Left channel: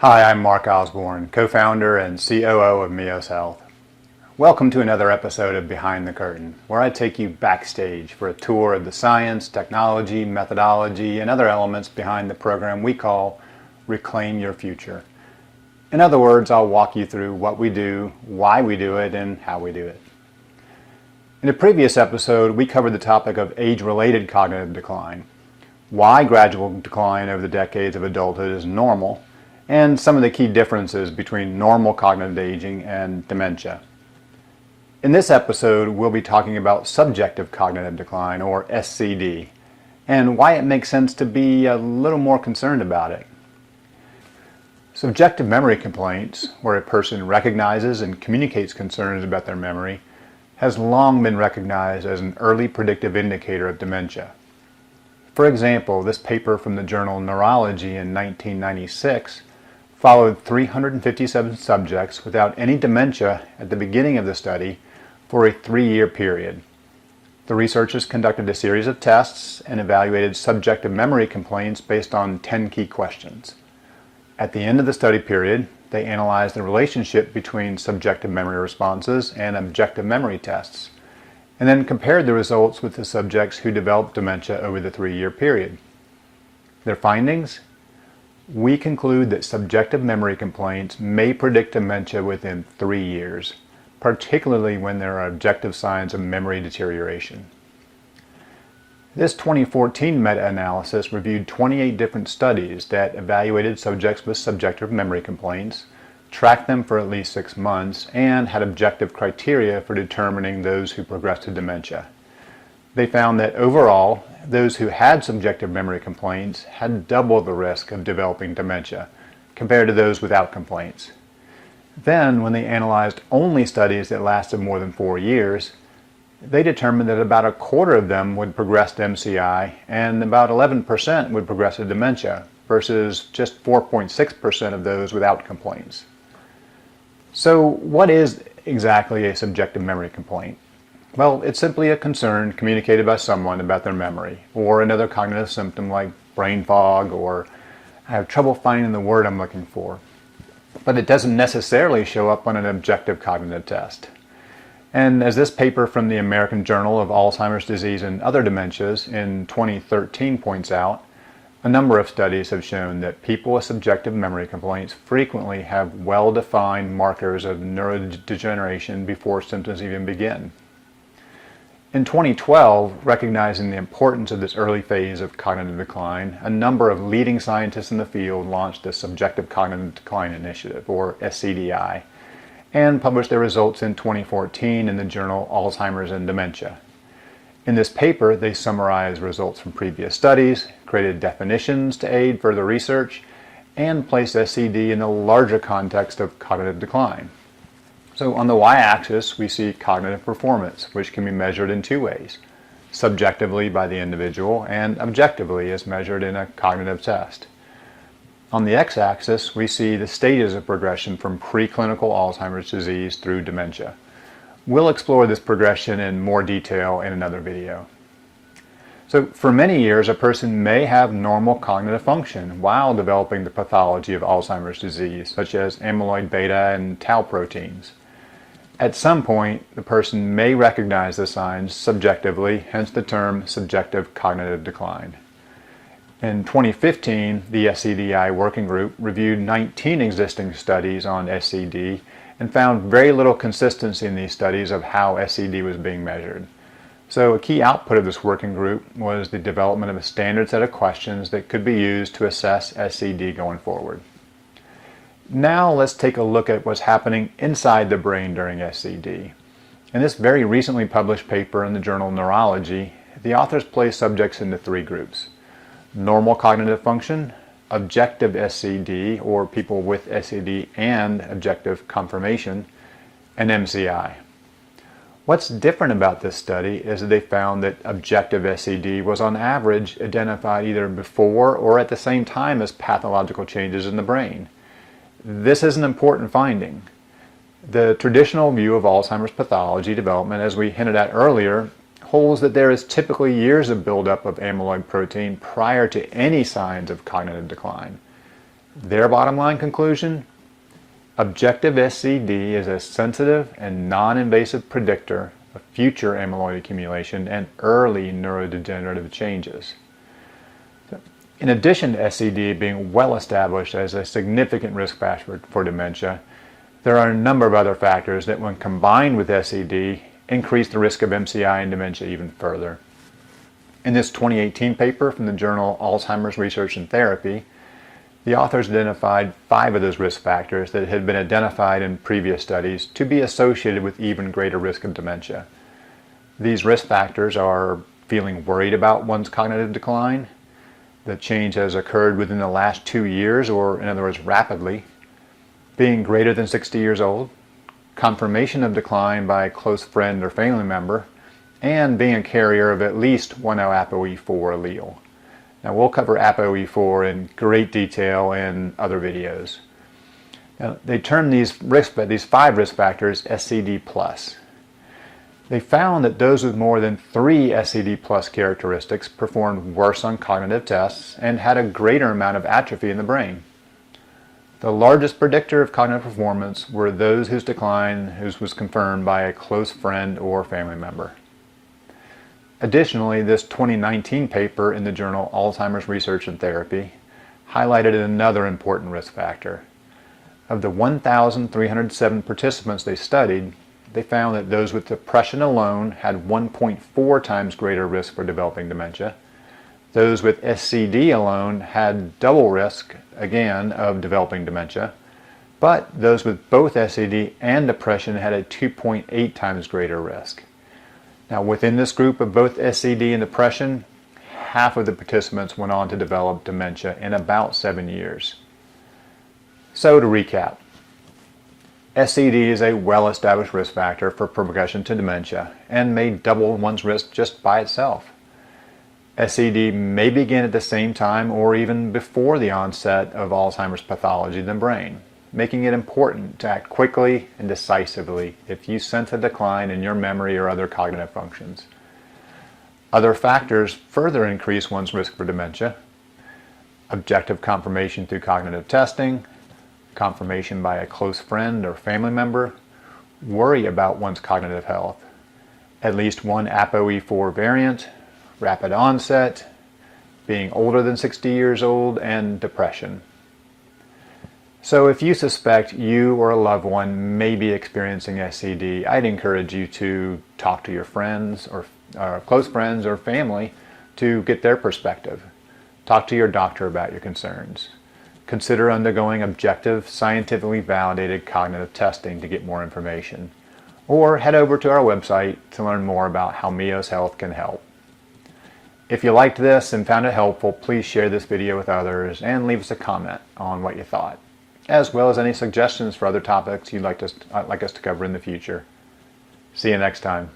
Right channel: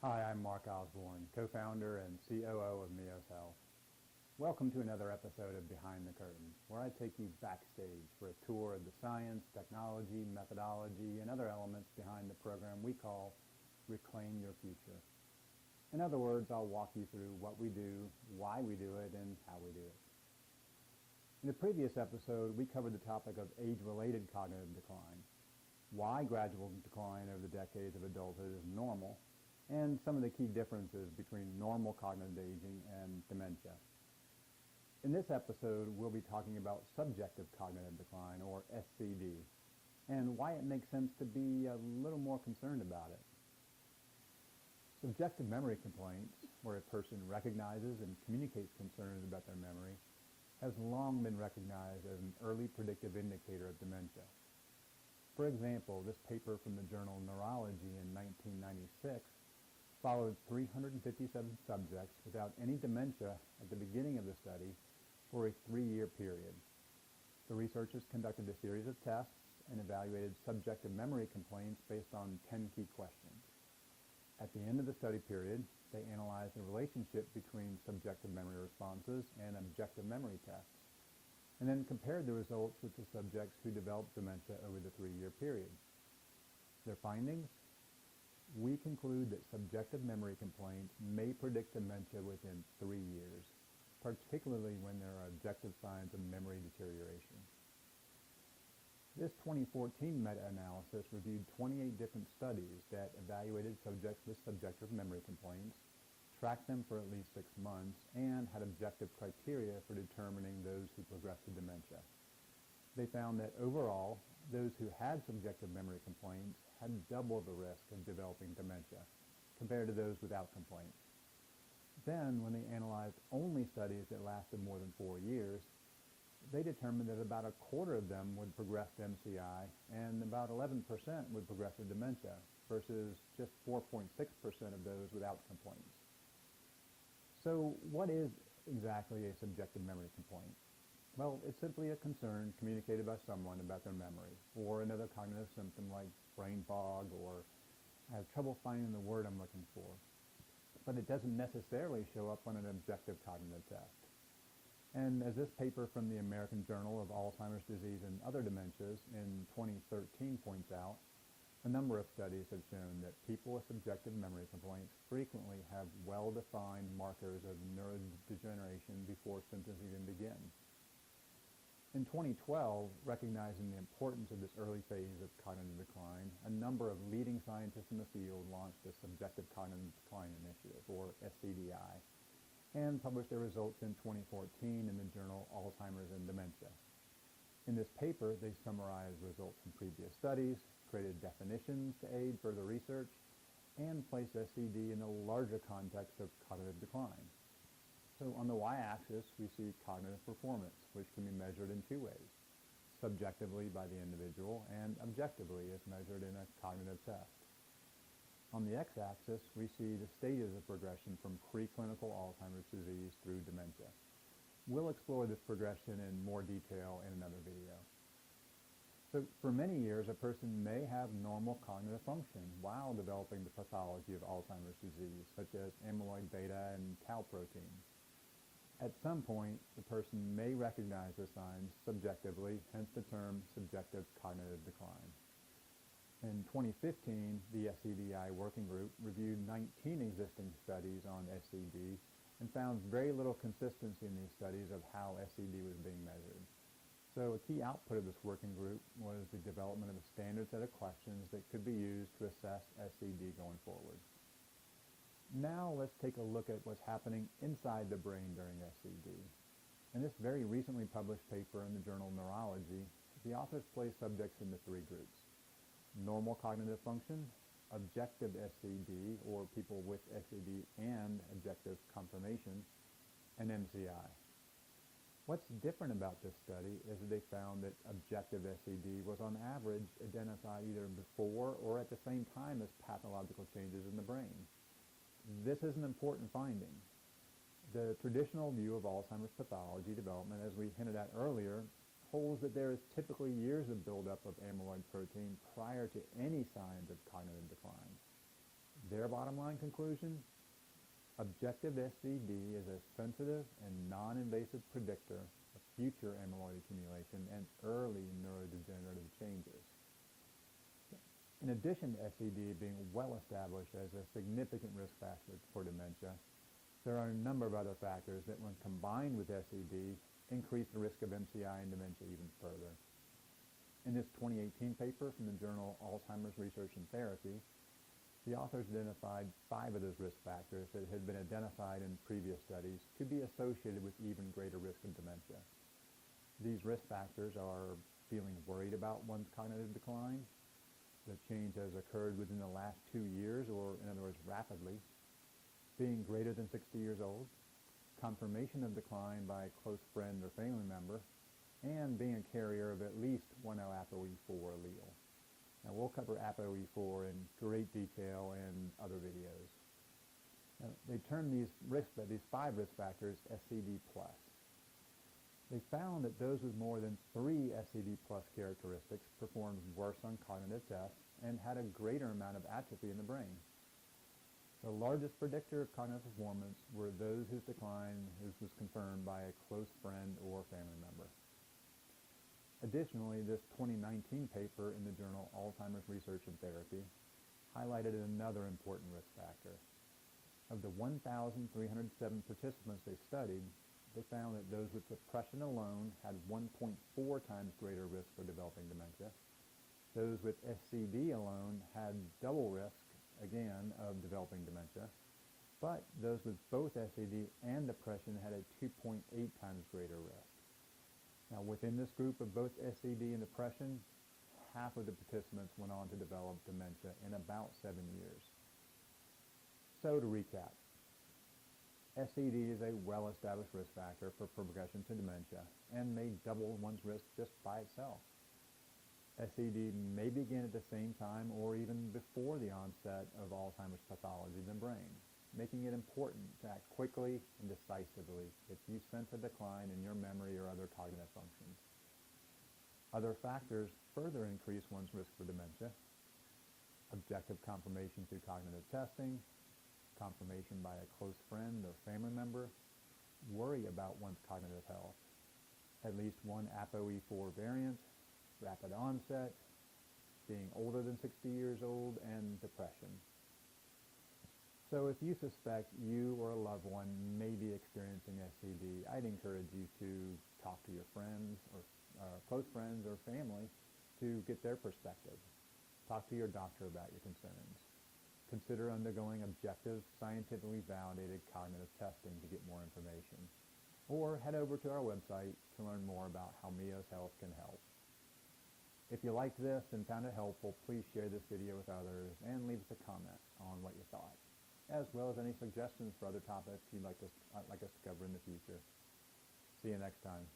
Hi, I'm Mark Osborne, co-founder and COO of Mios Health. Welcome to another episode of Behind the Curtain, where I take you backstage for a tour of the science, technology, methodology, and other elements behind the program we call Reclaim Your Future. In other words, I'll walk you through what we do, why we do it, and how we do it. In a previous episode, we covered the topic of age-related cognitive decline, why gradual decline over the decades of adulthood is normal, and some of the key differences between normal cognitive aging and dementia. In this episode, we'll be talking about subjective cognitive decline, or SCD, and why it makes sense to be a little more concerned about it. Subjective memory complaints, where a person recognizes and communicates concerns about their memory, has long been recognized as an early predictive indicator of dementia. For example, this paper from the journal Neurology in 1996 followed 357 subjects without any dementia at the beginning of the study for a 3-year period. The researchers conducted a series of tests and evaluated subjective memory complaints based on 10 key questions. At the end of the study period, they analyzed the relationship between subjective memory responses and objective memory tests, and then compared the results with the subjects who developed dementia over the 3-year period. Their findings? We conclude that subjective memory complaints may predict dementia within 3 years, particularly when there are objective signs of memory deterioration. This 2014 meta-analysis reviewed 28 different studies that evaluated subjects with subjective memory complaints, tracked them for at least 6 months, and had objective criteria for determining those who progressed to dementia. They found that overall, those who had subjective memory complaints had double the risk of developing dementia compared to those without complaints. Then, when they analyzed only studies that lasted more than 4 years, they determined that about a quarter of them would progress to MCI and about 11% would progress to dementia versus just 4.6% of those without complaints. So what is exactly a subjective memory complaint? Well, it's simply a concern communicated by someone about their memory, or another cognitive symptom like brain fog, or I have trouble finding the word I'm looking for. But it doesn't necessarily show up on an objective cognitive test. And as this paper from the American Journal of Alzheimer's Disease and Other Dementias in 2013 points out, a number of studies have shown that people with subjective memory complaints frequently have well-defined markers of neurodegeneration before symptoms even begin. In 2012, recognizing the importance of this early phase of cognitive decline, a number of leading scientists in the field launched the Subjective Cognitive Decline Initiative, or SCDI, and published their results in 2014 in the journal Alzheimer's and Dementia. In this paper, they summarized results from previous studies, created definitions to aid further research, and placed SCD in the larger context of cognitive decline. So on the y-axis, we see cognitive performance, which can be measured in 2 ways, subjectively by the individual and objectively as measured in a cognitive test. On the x-axis, we see the stages of progression from preclinical Alzheimer's disease through dementia. We'll explore this progression in more detail in another video. So for many years, a person may have normal cognitive function while developing the pathology of Alzheimer's disease, such as amyloid beta and tau proteins. At some point, the person may recognize the signs subjectively, hence the term subjective cognitive decline. In 2015, the SCDI working group reviewed 19 existing studies on SCD and found very little consistency in these studies of how SCD was being measured. So a key output of this working group was the development of a standard set of questions that could be used to assess SCD going forward. Now let's take a look at what's happening inside the brain during SCD. In this very recently published paper in the journal Neurology, the authors place subjects into 3 groups: normal cognitive function, objective SCD, or people with SCD and objective confirmation, and MCI. What's different about this study is that they found that objective SCD was on average identified either before or at the same time as pathological changes in the brain. This is an important finding. The traditional view of Alzheimer's pathology development, as we hinted at earlier, holds that there is typically years of buildup of amyloid protein prior to any signs of cognitive decline. Their bottom line conclusion: objective SCD is a sensitive and non-invasive predictor of future amyloid accumulation and early neurodegenerative changes. In addition to SCD being well established as a significant risk factor for dementia, there are a number of other factors that, when combined with SCD, increase the risk of MCI and dementia even further. In this 2018 paper from the journal Alzheimer's Research and Therapy, the authors identified 5 of those risk factors that had been identified in previous studies to be associated with even greater risk of dementia. These risk factors are feeling worried about one's cognitive decline, the change has occurred within the last 2 years, or in other words, rapidly, being greater than 60 years old, confirmation of decline by a close friend or family member, and being a carrier of at least one ApoE4 allele. Now, we'll cover ApoE4 in great detail in other videos. Now, they term these 5 risk factors SCD+. They found that those with more than 3 SCD+ characteristics performed worse on cognitive tests and had a greater amount of atrophy in the brain. The largest predictor of cognitive performance were those whose decline was confirmed by a close friend or family member. Additionally, this 2019 paper in the journal Alzheimer's Research and Therapy highlighted another important risk factor. Of the 1,307 participants they studied, they found that those with depression alone had 1.4 times greater risk for developing dementia. Those with SCD alone had double risk, again, of developing dementia. But those with both SCD and depression had a 2.8 times greater risk. Now, within this group of both SCD and depression, half of the participants went on to develop dementia in about 7 years. So to recap, SCD is a well-established risk factor for progression to dementia and may double one's risk just by itself. SCD may begin at the same time or even before the onset of Alzheimer's pathology in the brain, making it important to act quickly and decisively if you sense a decline in your memory or other cognitive functions. Other factors further increase one's risk for dementia: objective confirmation through cognitive testing, confirmation by a close friend or family member, worry about one's cognitive health, at least one ApoE4 variant, rapid onset, being older than 60 years old, and depression. So if you suspect you or a loved one may be experiencing SCD, I'd encourage you to talk to your friends or close friends or family to get their perspective. Talk to your doctor about your concerns. Consider undergoing objective, scientifically validated cognitive testing to get more information. Or head over to our website to learn more about how Mios Health can help. If you liked this and found it helpful, please share this video with others and leave us a comment on what you thought, as well as any suggestions for other topics you'd like us to cover in the future. See you next time.